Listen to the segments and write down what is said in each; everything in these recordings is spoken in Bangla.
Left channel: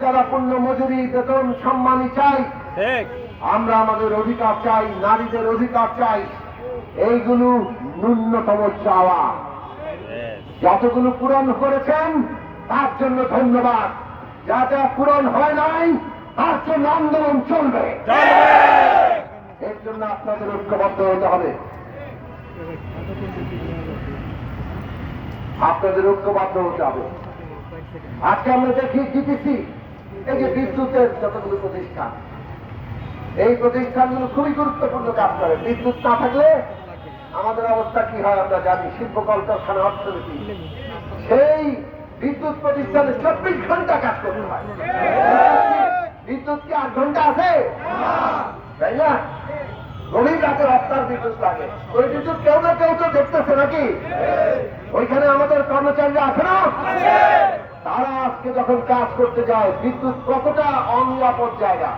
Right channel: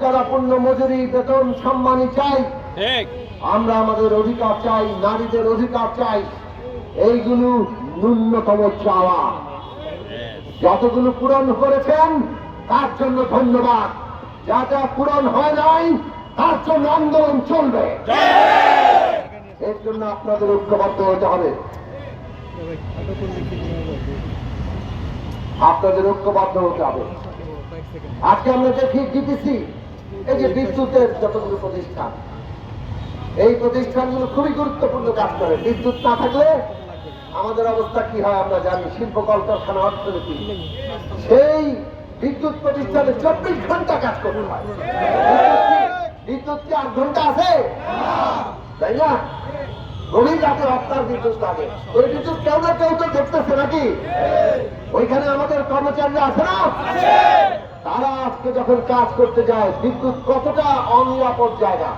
যারা পূর্ণ মজুরি বেতন সম্মানই চাই আমরা আমাদের অধিকার চাই নারীদের অধিকার চাই এইগুলো ন্যূনতম চাওয়া। যতগুলো পূরণ করেছেন তার জন্য ধন্যবাদ। যা যা পূরণ হয় নাই তার জন্য আন্দোলন চলবে। এর জন্য আপনাদের ঐক্যবদ্ধ হতে হবে। আপনাদের ঐক্যবদ্ধ হতে হবে। আজকে আমরা দেখি জিতেছি এই যে বিদ্যুতের যতগুলো প্রতিষ্ঠান, এই প্রতিষ্ঠানগুলো খুবই গুরুত্বপূর্ণ কাজ করে। বিদ্যুৎ না থাকলে আমাদের অবস্থা কি হয় আমরা জানি, শিল্প কলকারখানা, অর্থনীতি। সেই বিদ্যুৎ প্রতিষ্ঠানে চব্বিশ ঘণ্টা কাজ করতে বিদ্যুৎ কি- আট ঘণ্টা আছে? তাই না? গভীর রাতে আপনার বিদ্যুৎ লাগে। ওই বিদ্যুৎ কেউ না কেউ তো দেখতেছে নাকি? ওইখানে আমাদের কর্মচারীরা আছে না? তারা আজকে যখন কাজ করতে যায়, বিদ্যুৎ কতটা অনিরাপদ জায়গা?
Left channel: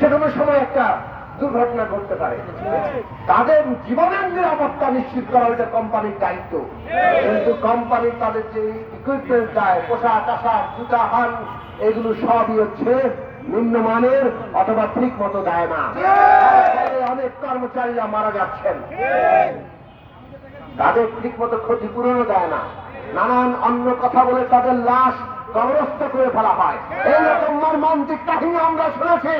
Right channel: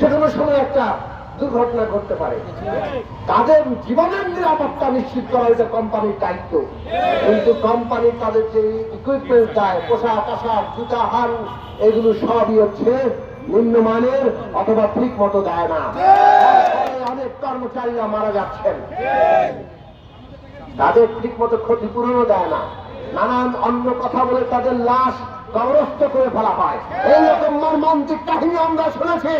যে কোনো সময় একটা দুর্ঘটনা ঘটতে পারে। তাদের জীবনের নিরাপত্তা নিশ্চিত করা এটা কোম্পানির দায়িত্ব। কিন্তু কোম্পানি তাদের যে ইকুইপমেন্ট দেয়, পোশাক, আশাক, জুতা হান এগুলো সবই হচ্ছে নিম্নমানের অথবা ঠিক মতো দেয় না। অনেক কর্মচারীরা মারা যাচ্ছেন। তাদের ঠিক মতো ক্ষতিপূরণও দেয় না। নানান অন্য কথা বলে তাদের লাশ কবরস্থ করে ফেলা হয় এইরকম মর্মান্তিক কাহিনী আমরা শুনেছি।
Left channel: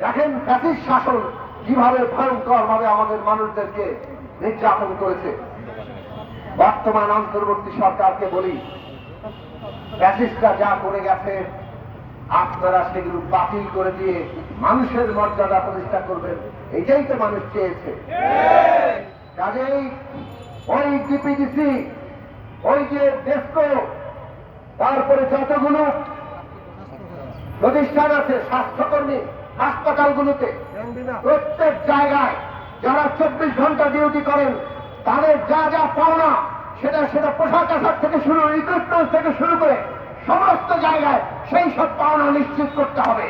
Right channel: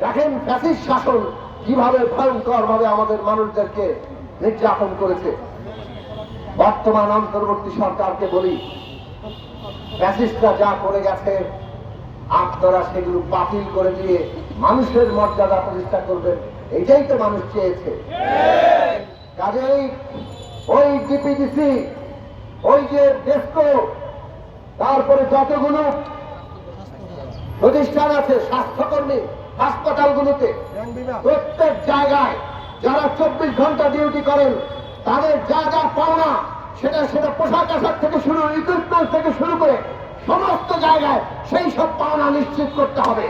দেখেন ফ্যাসিস শাসন কীভাবে ভয়ঙ্কর ভাবে আমাদের মানুষদেরকে নির্যাতন করেছে। বর্তমান অন্তর্বর্তী সরকারকে বলি, ফ্যাসিস্টরা যা করে গেছে, আপনারা সেগুলো বাতিল করে দিয়ে মানুষের মর্যাদা প্রতিষ্ঠা করবেন, এটাই তো মানুষ চেয়েছে। কাজেই ওই ডিপিডিসি ওই যে ডেস্কো, তারপরে যতগুলো প্রতিষ্ঠান আছে, স্বাস্থ্যকর্মী, হাসপাতালগুলোতে, প্রত্যেক জায়গায় যারা চব্বিশ ঘণ্টা ডিউটি করেন, তাদের যা যা পাওনা, সেটা সেটা পোশাক আশাক থেকে শুরু রিক্রুটমেন্ট থেকে শুরু করে সমস্ত জায়গায় সেই সব পাওনা নিশ্চিত করতে হবে।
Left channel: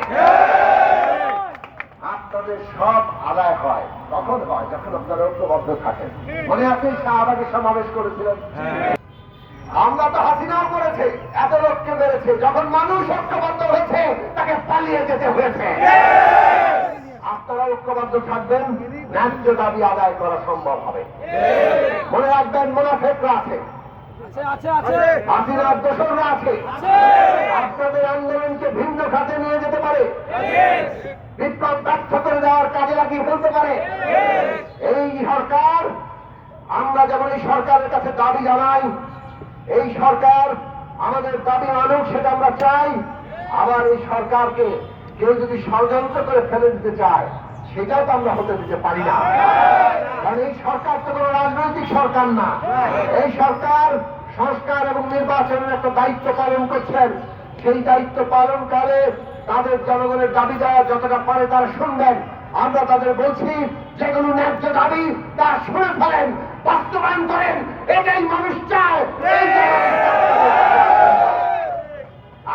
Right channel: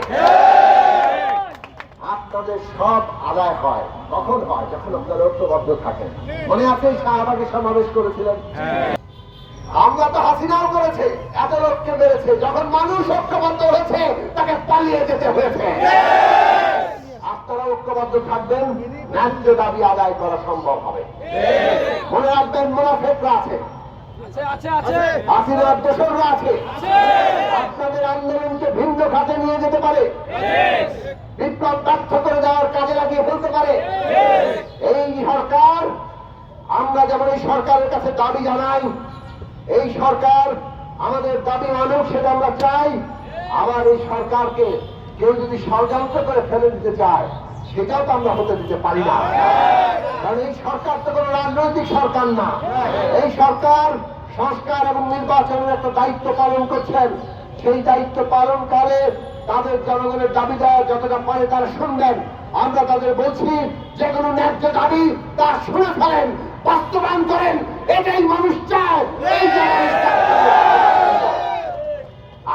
আপনাদের সব আদায় হয়। কখন হয়? যখন আপনারা ঐক্যবদ্ধ থাকেন। মনে আছে শাহবাগে সমাবেশ করেছিলেন? আমরা তো হাসিনাও করেছে এত লোককে মেরেছে। যখন মানুষ ঐক্যবদ্ধ হয়েছে তাকে পালিয়ে যেতে হয়েছে। আপনারা ঐক্যবদ্ধ থাকবেন ন্যায্য দাবি আদায় করা সম্ভব হবে। মনে রাখবেন মোনাফেকরা আছে। হাসিনার দোষররা আছে। আপনাদের আন্দোলনকে ভিন্ন খাতে নিয়ে যেতে পারে। বিপ্লব ব্যর্থ করে দেওয়ার কাজে লাগিয়ে ফেলতে পারে। এই সরকার আমরা যেমন এই সরকারের কাছে দাবি জানাই এই সরকার আমাদের দাবি মানুষ সেটা আমরা চাই। আবার এই সরকারকে কেউ যদি ষড়যন্ত্র করে ফেলে দিতে চায় সেটাও তো আমরা হতে দিতে পারি না। কারণ এই সরকার তো কোনো রাজনৈতিক সরকার না। এই সরকার সংস্কার এবং নির্বাচনের একটা দায়িত্ব পালন করছেন। সেই দায়িত্ব পালনকালে তাদের জনগণের দাবি দেওয়া যতটা পারে তারা শুনবেন। আমরা তাদের বলছি যে কোনো ন্যায্য দাবি তা শুনে ফেলেন বাস্তবায়ন করেন এটাই মানুষ চায়।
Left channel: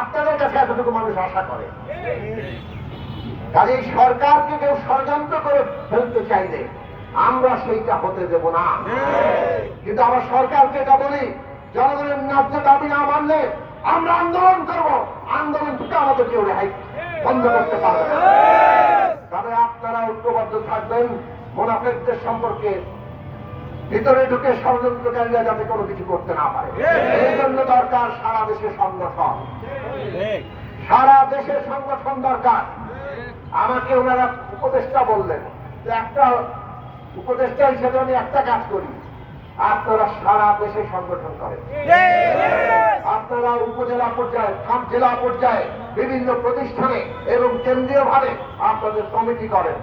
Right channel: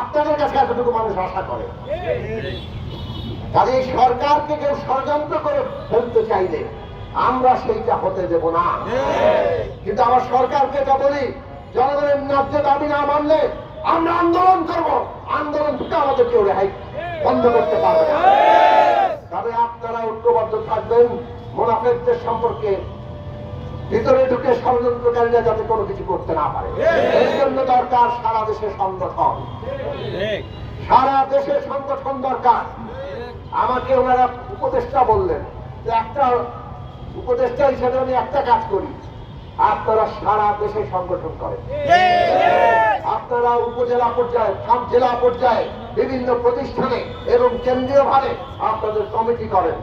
আপনাদের কাছে এতটুকু মানুষ আশা করে। কাজে সরকারকে কেউ ষড়যন্ত্র করে ফেলতে চাইলে আমরা সেইটা হতে দেব না। কিন্তু আমার সরকারকে এটা বলি জনগণের ন্যায্য দাবি না মানলে আমরা আন্দোলন করব। আন্দোলন থেকে আমাদের কেউ রেহাই বন্ধ করতে পারবে তবে আপনারা ঐক্যবদ্ধ থাকবেন। মোনাফেকদের সম্পর্কে ভিতরে ঢুকে ষড়যন্ত্রকারীরা যাতে কোনো কিছু করতে না পারে। এই জন্য দরকার সারা দেশে সংগঠন। সারা দেশে সংগঠন দরকার। আমাকে ওনারা উপদেষ্টা বললেন যে একটা উপদেষ্টা হিসেবে আমি একটা কাজ করি। আপনারা সারা দেশে সংগঠন করেন। উপজেলা পর্যায়ে সব জেলা পর্যায়ে বিভিন্ন প্রতিষ্ঠানে এবং কেন্দ্রীয় ভাবে আপনাদের কমিটি করেন।